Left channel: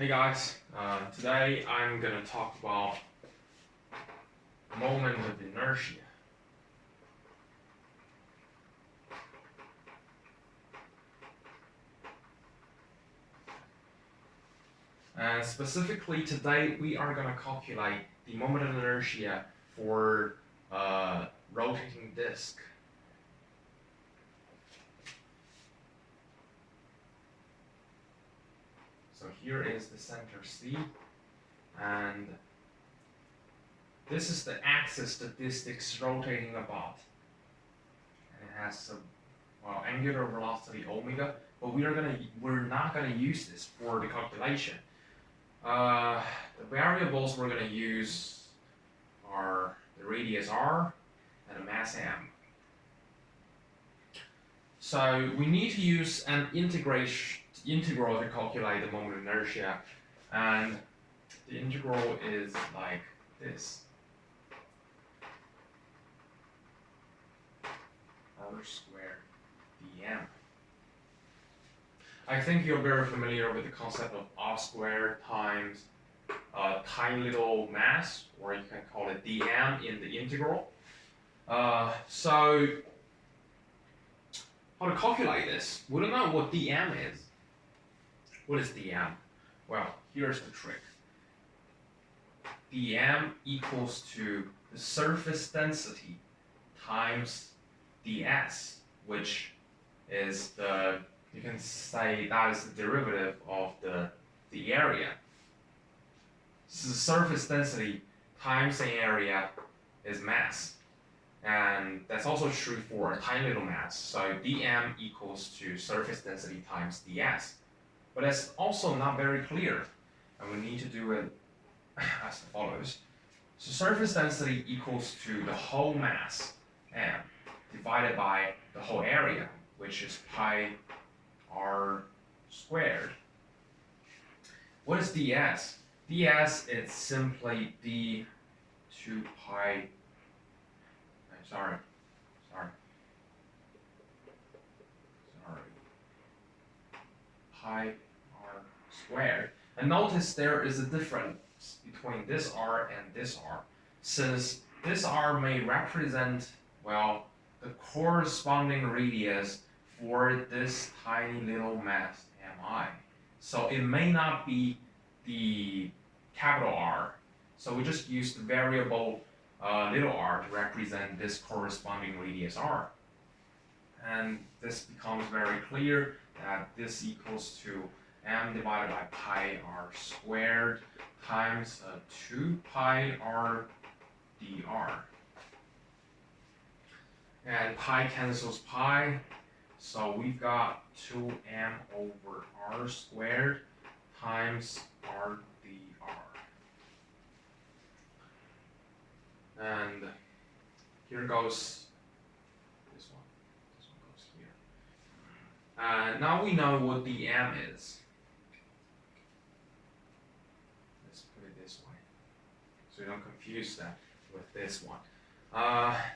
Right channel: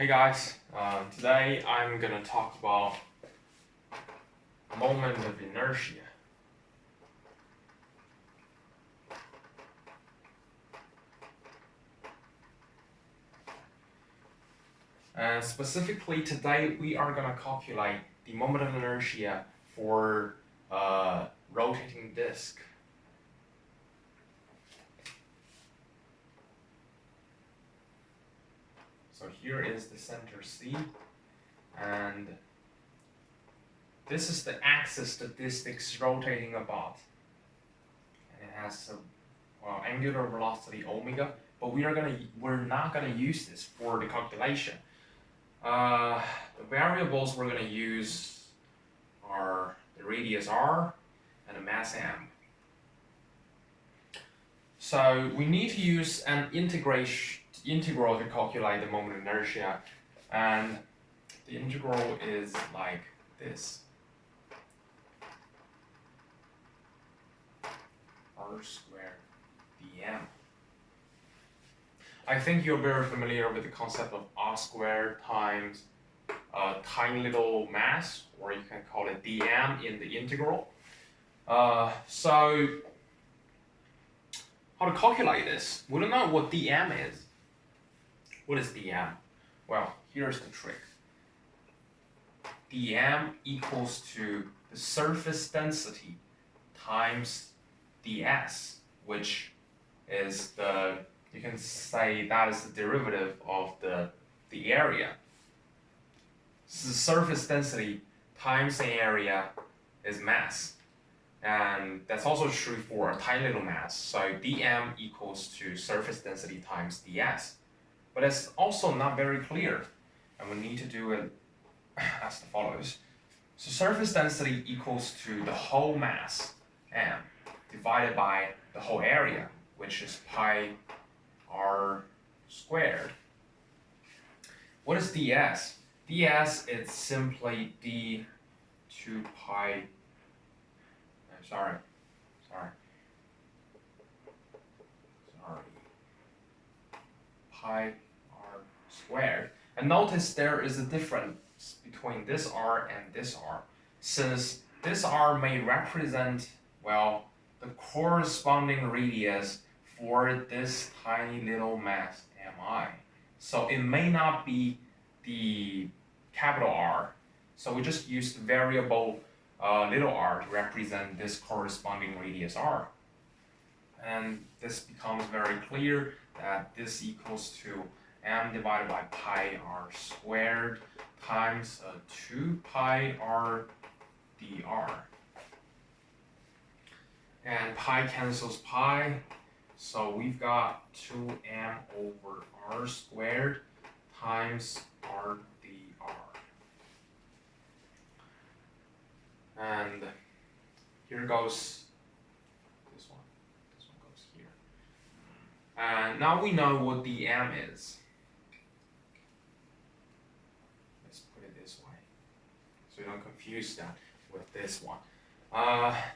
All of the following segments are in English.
Hey guys, today I'm gonna talk about moment of inertia. And specifically today we are gonna calculate the moment of inertia for a rotating disk. So here is the center C, and this is the axis that this disk is rotating about. And it has a angular velocity omega, but we're not gonna use this for the calculation. The variables we're gonna use are the radius r and the mass m. So we need to use an integral to calculate the moment of inertia, and the integral is like this: r squared dm. I think you're very familiar with the concept of r squared times a tiny little mass, or you can call it dm in the integral. So how to calculate this? We don't know what dm is. What is dm? Well, here's the trick. dm equals to the surface density times ds, which is you can say that is the derivative of the area. So the surface density times the area is mass. And that's also true for a tiny little mass. So dm equals to surface density times ds. But that's also not very clear, and we need to do it as follows. So surface density equals to the whole mass, m, divided by the whole area, which is pi r squared. What is ds? ds is simply d 2 pi, sorry, pi r squared. And notice there is a difference between this r and this r, since this r may represent, well, the corresponding radius for this tiny little mass mi. So it may not be the capital R. So we just use the variable little r to represent this corresponding radius r. And this becomes very clear that this equals to m divided by pi r squared times 2 pi r dr. And pi cancels pi, so we've got 2m over r squared times r dr. And here goes this one. This one goes here. And now we know what dm is. Let's put it this way, so you don't confuse that with this one.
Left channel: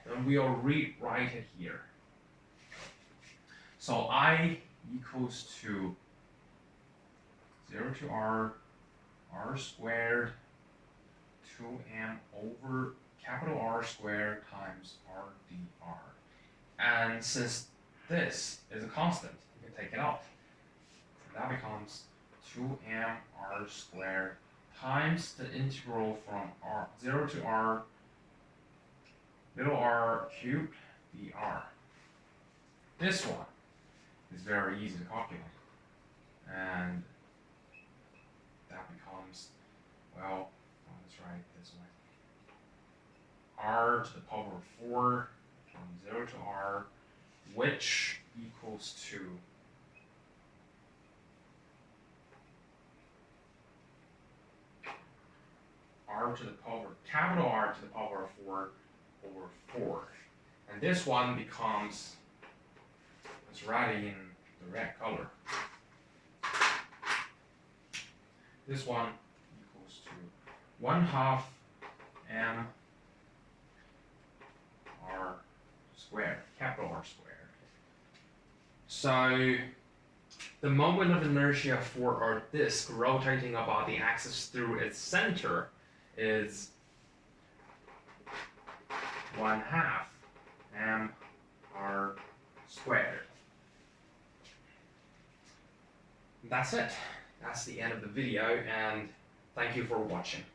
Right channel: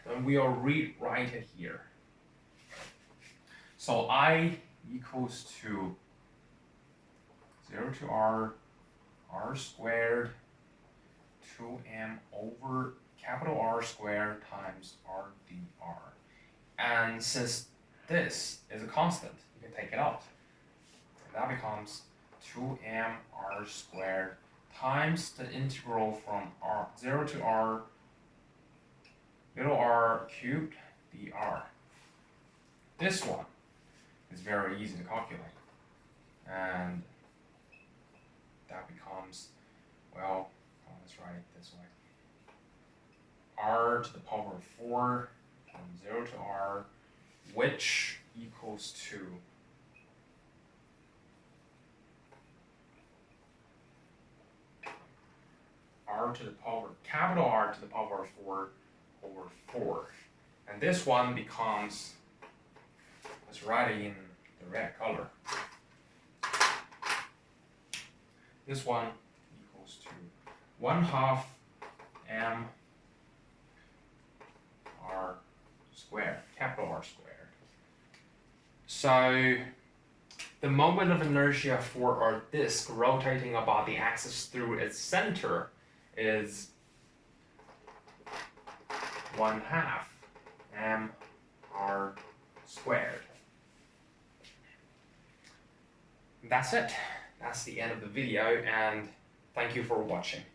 Then we'll rewrite it here. So I equals to 0 to r squared 2m over capital R squared times r dr. And since this is a constant, you can take it out. And that becomes 2m r squared times the integral from 0 to r little r cubed dr. This one is very easy to calculate. And that becomes, well, let's write it this way. R to the power of 4 from 0 to r, which equals to r to the power, capital R to the power of 4 over 4. And this one becomes, let's write it in the red color. This one equals to 1/2 m r squared, capital R squared. So the moment of inertia for our disk rotating about the axis through its center is 1/2 mr squared. That's it. That's the end of the video, and thank you for watching.